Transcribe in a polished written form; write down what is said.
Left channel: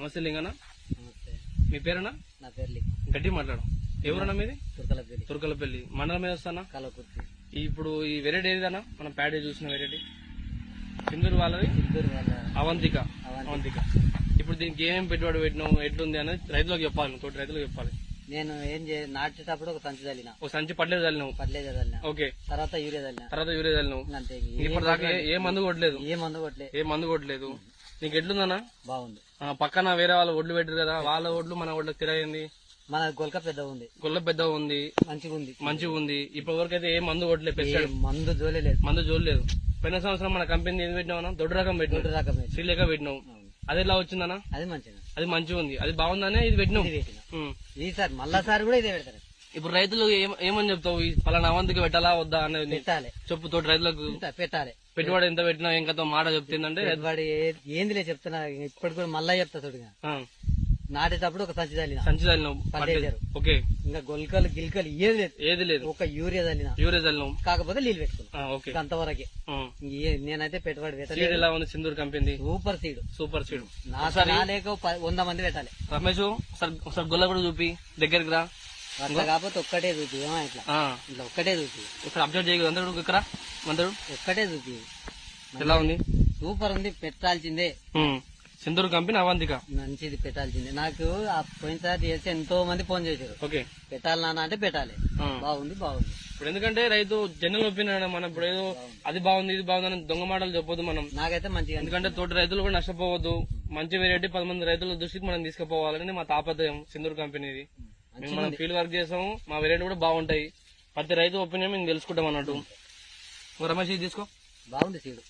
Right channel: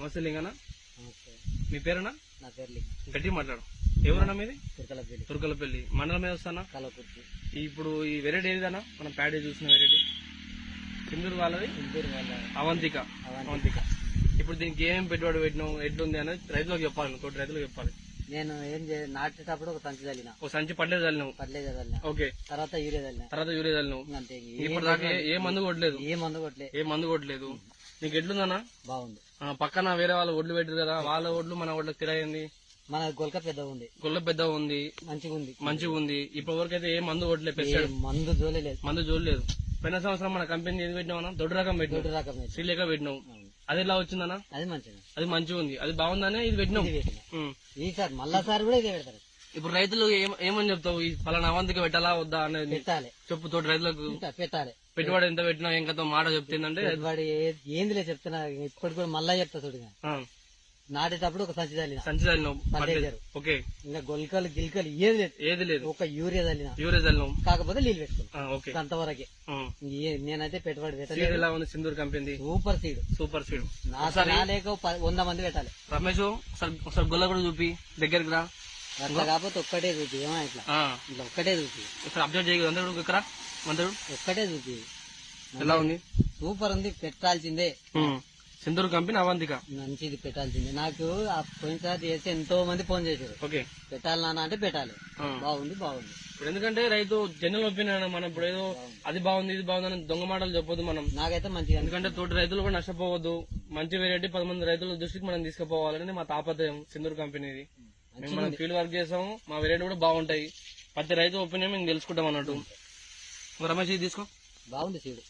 నమస్తే లింగన్న. నమస్తే. మీ పేరునా? నా పేరు గట్టి మాట్లాడు. ఎవరన్నా మీది? తుర్కలపల్లి. తుర్కలపల్లి మండలం మీద వస్తానా? కలకుర్తి. ఇప్పుడు ఈ వెరైటీ ఏదిగానా మనం ప్యాడీ చూసిన వెరైటీ సింధూరు వాళ్ళది వాళ్ళ అవంతిక. ఇప్పుడు దీనికి ఏమేమి పెట్టుబడి పెట్టినాం, ఎట్లుంది అనేది రైతులకు చెప్పాలి, తోటి రైతులకు చెప్పాలి. నేను ఏం నాటేటప్పుడు ఒక సంచి చల్లిన, ఒక సంచి పడ్లేదు చల్లినావు. పడ్లేదు చల్లిన. ఓకే. తర్వాత యూరియా చల్లిన. అంతే. ఇప్పుడు దాకా ఏ మందు కొట్టలేదు? ఏ మందు కొట్టలేదు. నీకు ఎట్లుందన్నా? బాగుంది. పక్కన వేరే వాళ్ళ ఒడ్లు పెట్టారు కదా, వాళ్ళ ఒడ్లు మన ఒడ్లకు తిరగండి. మన గొల్క పెద్ద ఉంది, మంచిగా ఉంది. ఇప్పటి వరకు అయితే ఏ మందు కొట్టలేదు, మందు జోలేదు. పోయిన సంవత్సరం మన కంపెనీ ఏం పెట్టినావు? దొడ్డు రకం పెట్టినావు, సీలేక పెట్టినావు. అది ఎలా వచ్చిందన్నా? అది మంచిగా ఉంది, అది బాగుందనే ఇది పెట్టినావు. ఈసారి మళ్ళాసారి కూడా ఇదే పెడతారు. ఇప్పుడు రైతులు ఏమని చెప్తావు? ఈ పలానా అవంతికి పెట్టాలా వద్దా అనేది పెట్టాలి చెప్పు. తోటి రైతులకు పెట్టాలి. పెట్టుబడి ఎంత పెట్టినా ఇంకా మాట చెప్తుందంటే పెట్టుబడి ఏందిలే చెప్తున్నా. ఇప్పటి కూడా మళ్ళా చెప్తా చూడగా. నాటేటప్పుడు ఒక సంచి చల్లిన, ఓకే. ఇంకా గొల్కలు గిల్కలు ఏది లేదు. ఒక యూరియా చల్లినాం, కాకపోతే నీళ్ళు పెట్టుకున్నాం. అంతవరకే. నేనైతే పెట్టుబడి పెట్టలేదు. ఎలా ఉంది సింధూర్ కంపెనీ? Super seed. నాలేక 100 మంది పెట్టాలి. రమేష్ గొల్ల కూడా చూపి దగ్గరికి రా. అట్లా కాకపోతే ఒక్కటే చూపి. ఇట్లా ఒక్కటే చూపి. ఇక్కడ అబ్జర్వ్ చేయగలరు. ఇక్కడ ఒక్కటే చూపి. ఎలా ఉంది? సూపర్ ఉంది, పెట్టాల్సిందే. సింధూర్ కంపెనీ అవంతిక మంచిది, పెట్టాల్సిందే. నాకు పోయినసారి చేస్తే ఎంతో మంది ఫోన్ చేశారు, పెట్టాలి నాన్న అంటే పెట్టాలి. బాగుంది. ఇప్పుడు ఎందుకంటే రైతు జనరల్ ఒపీనియన్, మనం ఇప్పుడు ఏదో అది బాగుంది ఇది బాగుంది అని దొంగ మాటలు చెప్పొద్దు మనం. నాకైతే మంచిగా, ఎందుకంటే తోటి రైతులు కూడా నష్టపోవద్దు. మంచి వెరైటీ 10 మంది రైతుల దృష్టికి మనం తీసుకుపోవాలని మా తాపత్రయం సింధూర్ కంపెనీది. మనం ఫీల్డ్ వర్క్ చేసాము, మా వెరైటీ కూడా బాగుంటాయి. ప్రతి రైతు ఒపీనియన్ మేము తెలుసుకుంటాం అన్నట్టు. రమేష్ ఇది తీసుకో. బాగుంది సీడు.